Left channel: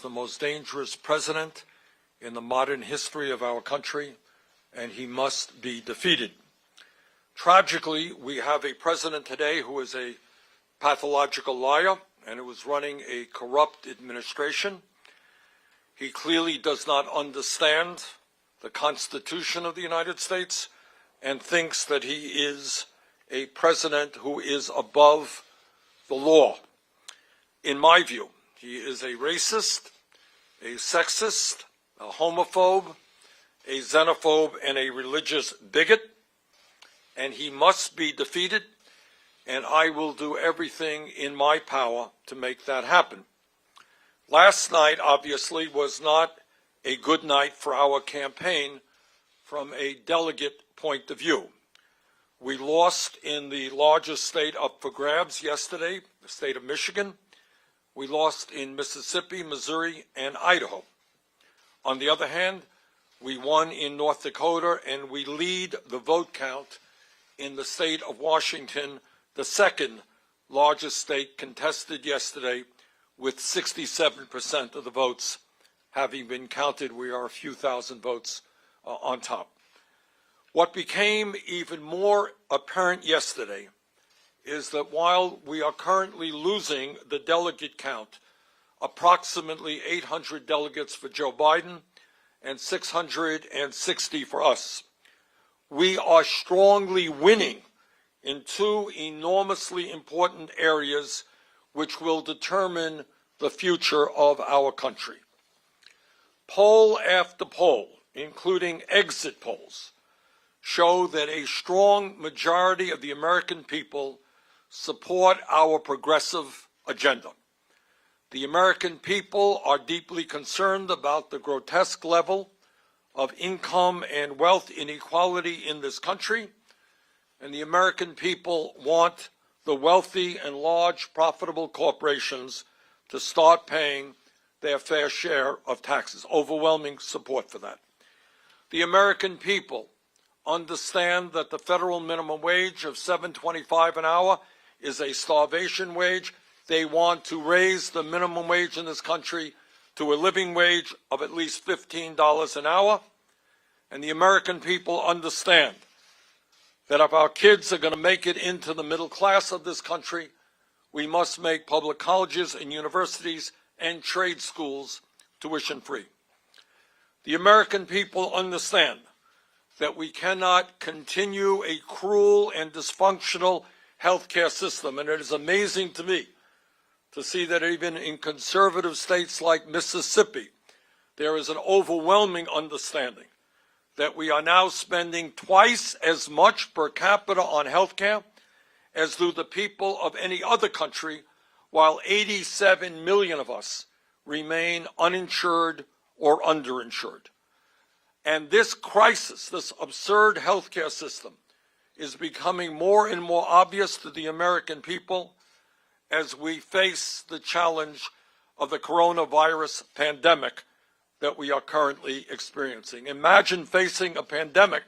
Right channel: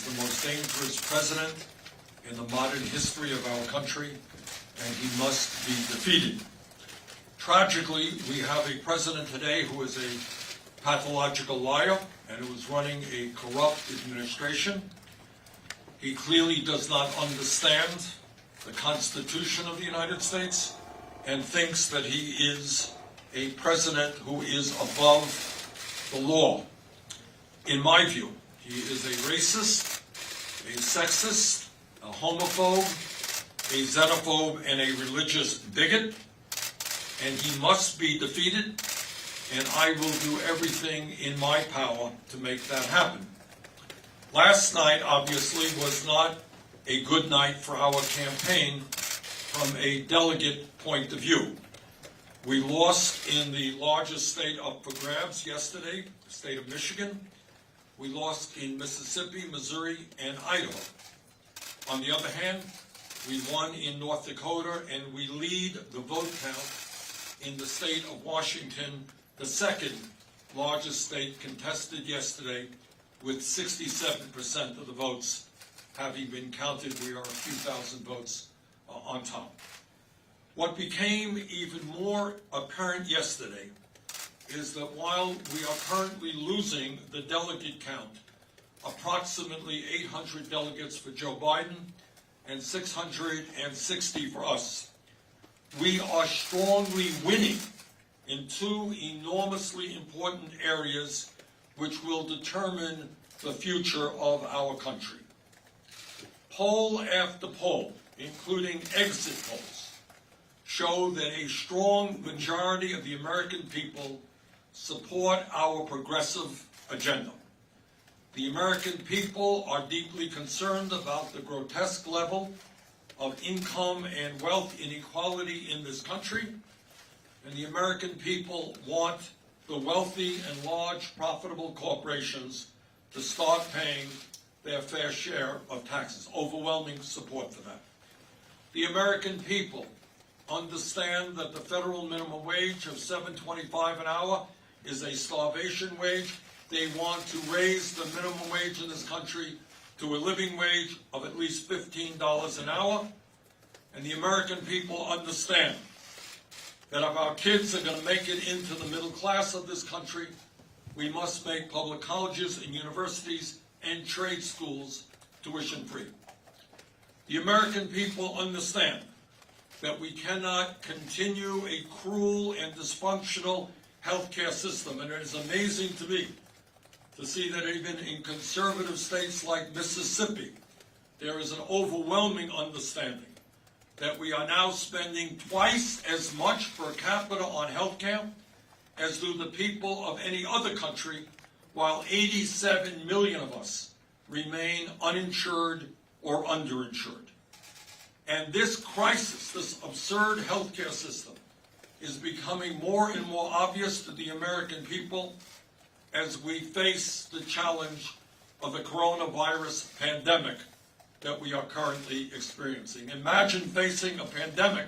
is the most dangerous president in the modern history of our country, and he must be defeated. Tragically, we have a president today who is a pathological liar and who is running a corrupt administration. He clearly does not understand the Constitution of the United States and thinks that he is a president who is above the law. In my view, he is a racist, a sexist, a homophobe, a xenophobe, and a religious bigot, and he must be defeated, and I will do everything in my power to make that happen. Last night, obviously, was not a good night for our campaign from a delegate point of view. We lost in the largest state up for grabs yesterday, the state of Michigan. We lost in Mississippi, Missouri, and Idaho. On the other hand, we won in North Dakota, and we lead the vote count in the state of Washington, the second largest state, contested yesterday with 67% of the votes having been counted. We are a few thousand votes on top. What became even more apparent yesterday is that while we are currently losing the delegate count, approximately 800 delegates for Joe Biden and 660 for us, we are strongly winning in two enormously important areas which will determine the future of our country. Poll after poll, including exit polls, show that a strong majority of the American people support our progressive agenda. The American people are deeply concerned about the grotesque level of income and wealth inequality in this country, and the American people want the wealthy and large profitable corporations to start paying their fair share of taxes. Overwhelming support for that. The American people understand that the federal minimum wage of $7.25 an hour is a starvation wage. They want to raise the minimum wage in this country to a living wage of at least $15 an hour. And the American people understand that if our kids are going to make it into the middle class of this country, we must make public colleges and universities and trade schools tuition-free. The American people understand that we cannot continue a cruel and dysfunctional healthcare system, and it is amazing to me to see that even in conservative states like Mississippi, there is an overwhelming understanding that we are now spending twice as much per capita on healthcare as do the people of any other country, while 87 million of us remain uninsured or underinsured. And this crisis, this absurd healthcare system, is becoming more and more obvious to the American people as we face the challenge of the coronavirus pandemic that we are currently experiencing. Imagine facing a pandemic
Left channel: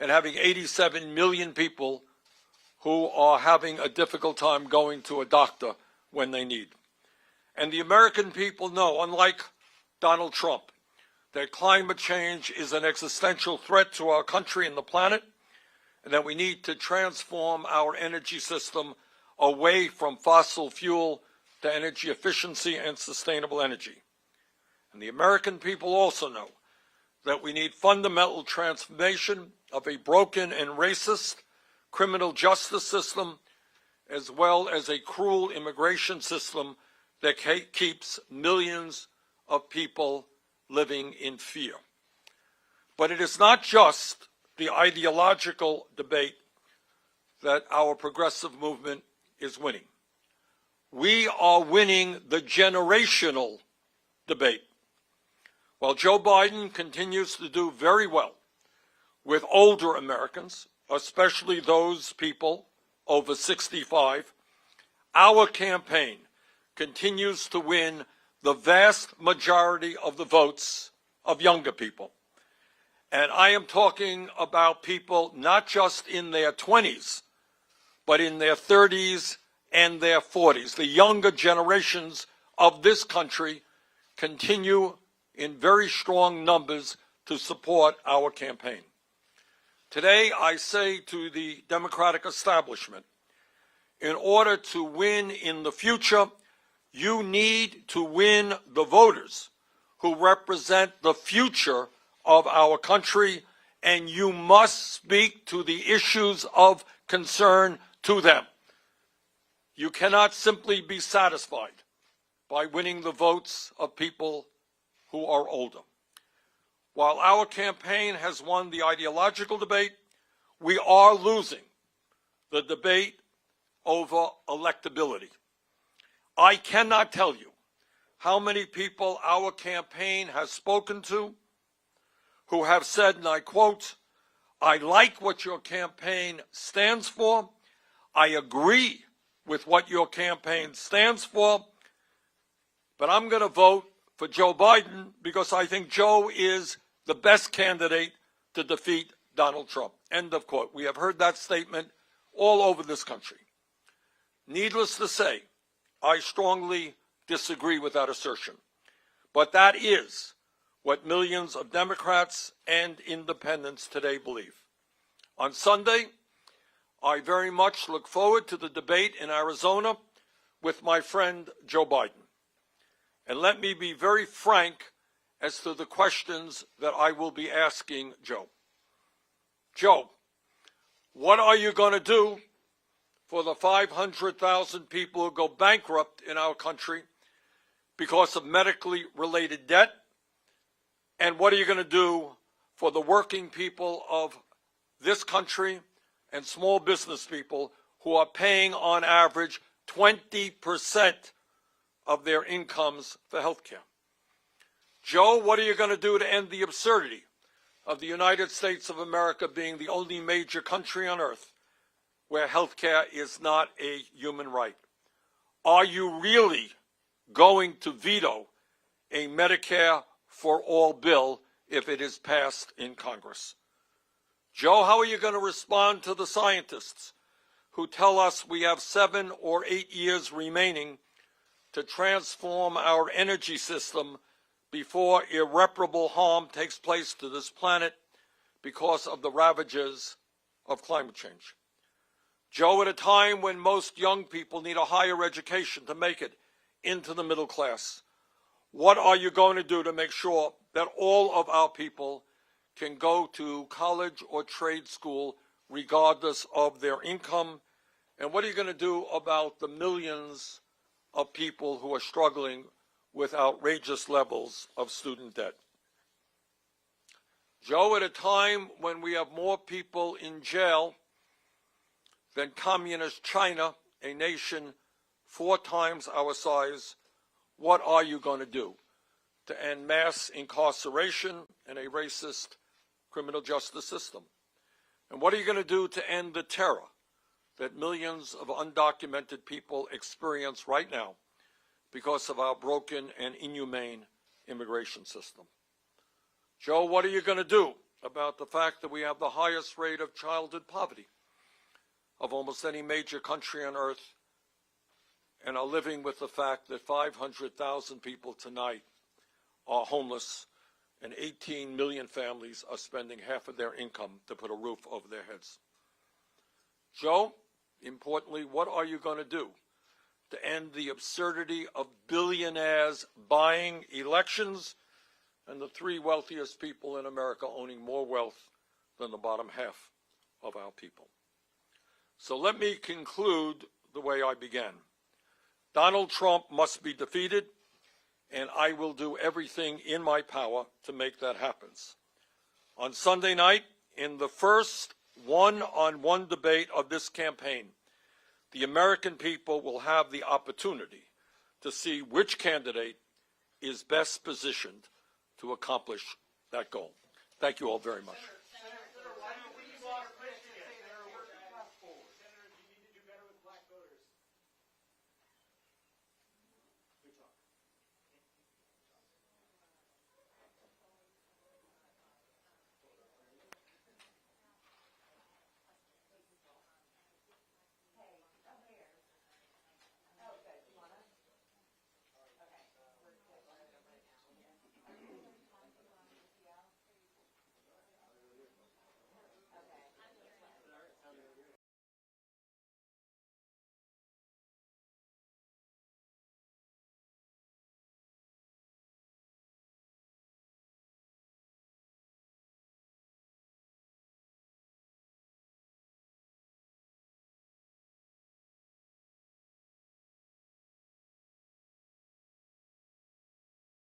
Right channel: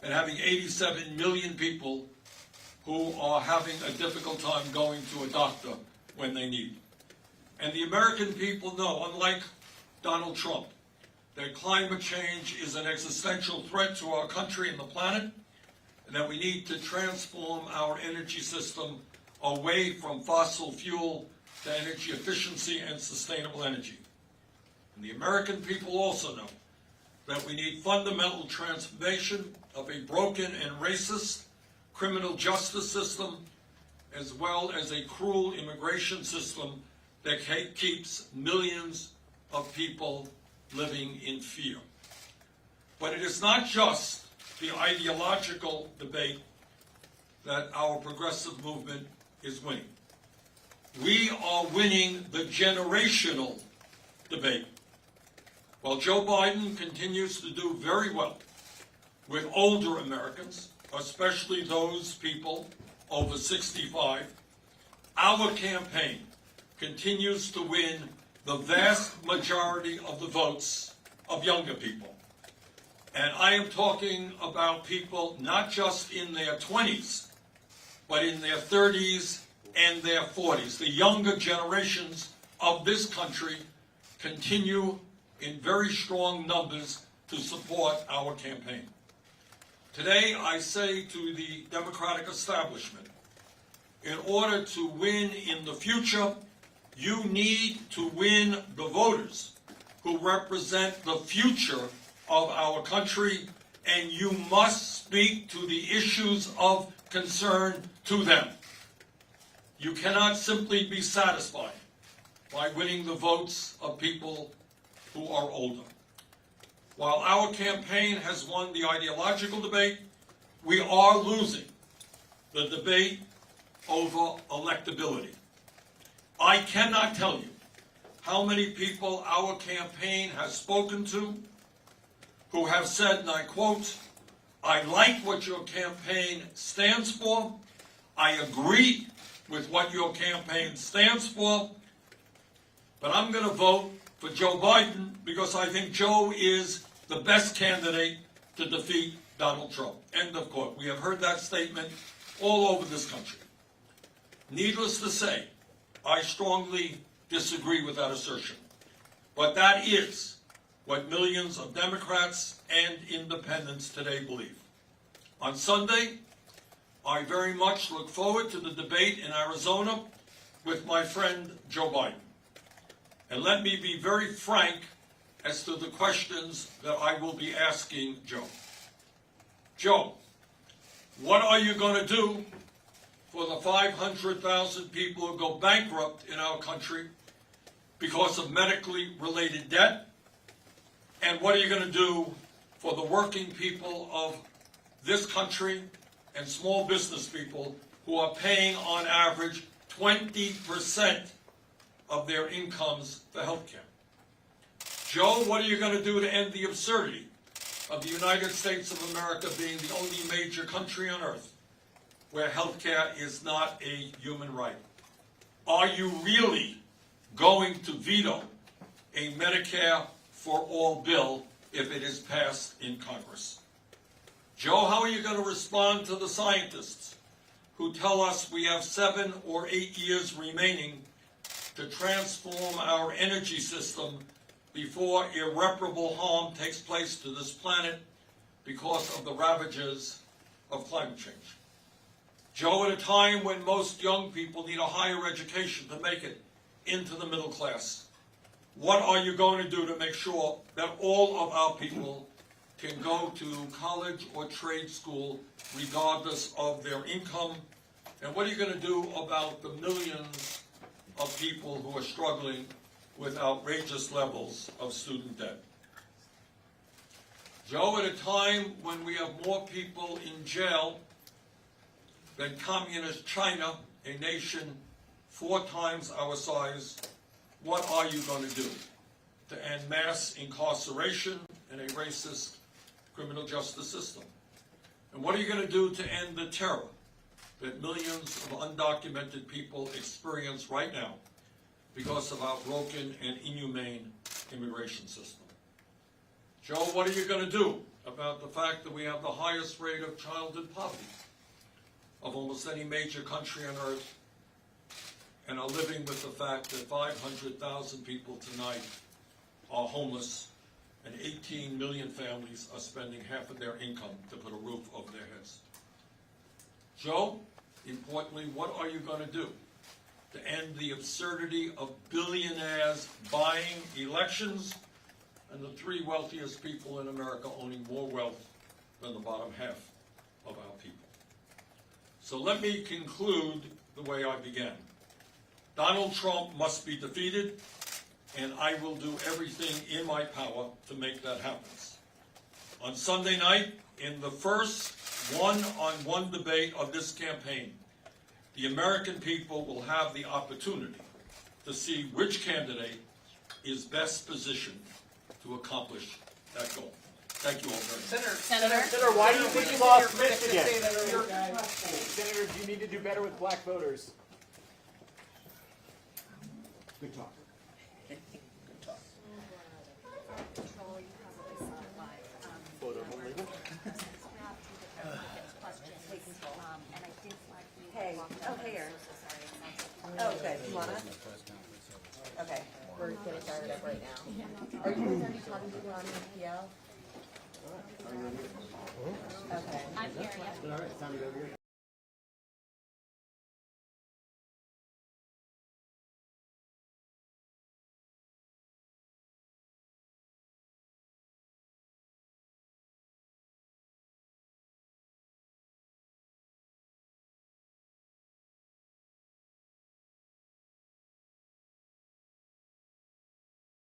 and having 87 million people who are having a difficult time going to a doctor when they need. And the American people know, unlike Donald Trump, that climate change is an existential threat to our country and the planet, and that we need to transform our energy system away from fossil fuel to energy efficiency and sustainable energy. And the American people also know that we need fundamental transformation of a broken and racist criminal justice system, as well as a cruel immigration system that keeps millions of people living in fear. But it is not just the ideological debate that our progressive movement is winning. We are winning the generational debate. While Joe Biden continues to do very well with older Americans, especially those people over 65, our campaign continues to win the vast majority of the votes of younger people. And I am talking about people not just in their 20s, but in their 30s and their 40s. The younger generations of this country continue in very strong numbers to support our campaign. Today, I say to the Democratic establishment, in order to win in the future, you need to win the voters who represent the future of our country, and you must speak to the issues of concern to them. You cannot simply be satisfied by winning the votes of people who are older. While our campaign has won the ideological debate, we are losing the debate over electability. I cannot tell you how many people our campaign has spoken to who have said, and I quote, "I like what your campaign stands for. I agree with what your campaign stands for, but I'm going to vote for Joe Biden because I think Joe is the best candidate to defeat Donald Trump." End of quote. We have heard that statement all over this country. Needless to say, I strongly disagree with that assertion. But that is what millions of Democrats and independents today believe. On Sunday, I very much look forward to the debate in Arizona with my friend Joe Biden. And let me be very frank as to the questions that I will be asking Joe. Joe, what are you going to do for the 500,000 people who go bankrupt in our country because of medically related debt? And what are you going to do for the working people of this country and small business people who are paying on average 20% of their incomes for health care? Joe, what are you going to do to end the absurdity of the United States of America being the only major country on earth where health care is not a human right? Are you really going to veto a Medicare for all bill if it is passed in Congress? Joe, how are you going to respond to the scientists who tell us we have 7 or 8 years remaining to transform our energy system before irreparable harm takes place to this planet because of the ravages of climate change? Joe, at a time when most young people need a higher education to make it into the middle class, what are you going to do to make sure that all of our people can go to college or trade school regardless of their income? And what are you going to do about the millions of people who are struggling with outrageous levels of student debt? Joe, at a time when we have more people in jail than communist China, a nation 4 times our size, what are you going to do to end mass incarceration and a racist criminal justice system? And what are you going to do to end the terror that millions of undocumented people experience right now because of our broken and inhumane immigration system? Joe, what are you going to do about the fact that we have the highest rate of childhood poverty of almost any major country on earth, and are living with the fact that 500,000 people tonight are homeless and 18 million families are spending half of their income to put a roof over their heads? Joe, importantly, what are you going to do to end the absurdity of billionaires buying elections and the 3 wealthiest people in America owning more wealth than the bottom half of our people? So let me conclude the way I began. Donald Trump must be defeated, and I will do everything in my power to make that happen. On Sunday night, in the first one-on-one debate of this campaign, the American people will have the opportunity to see which candidate is best positioned to accomplish that goal. Thank you all very much. Senator, why do you think you lost Michigan? Senator, do you need to do better with black voters? Good talk. Hey, oh, here. Oh, good. You want it? Okay, we're getting started. up right now. Are you guys already talking to people on the PO? Okay. I'm here, yeah.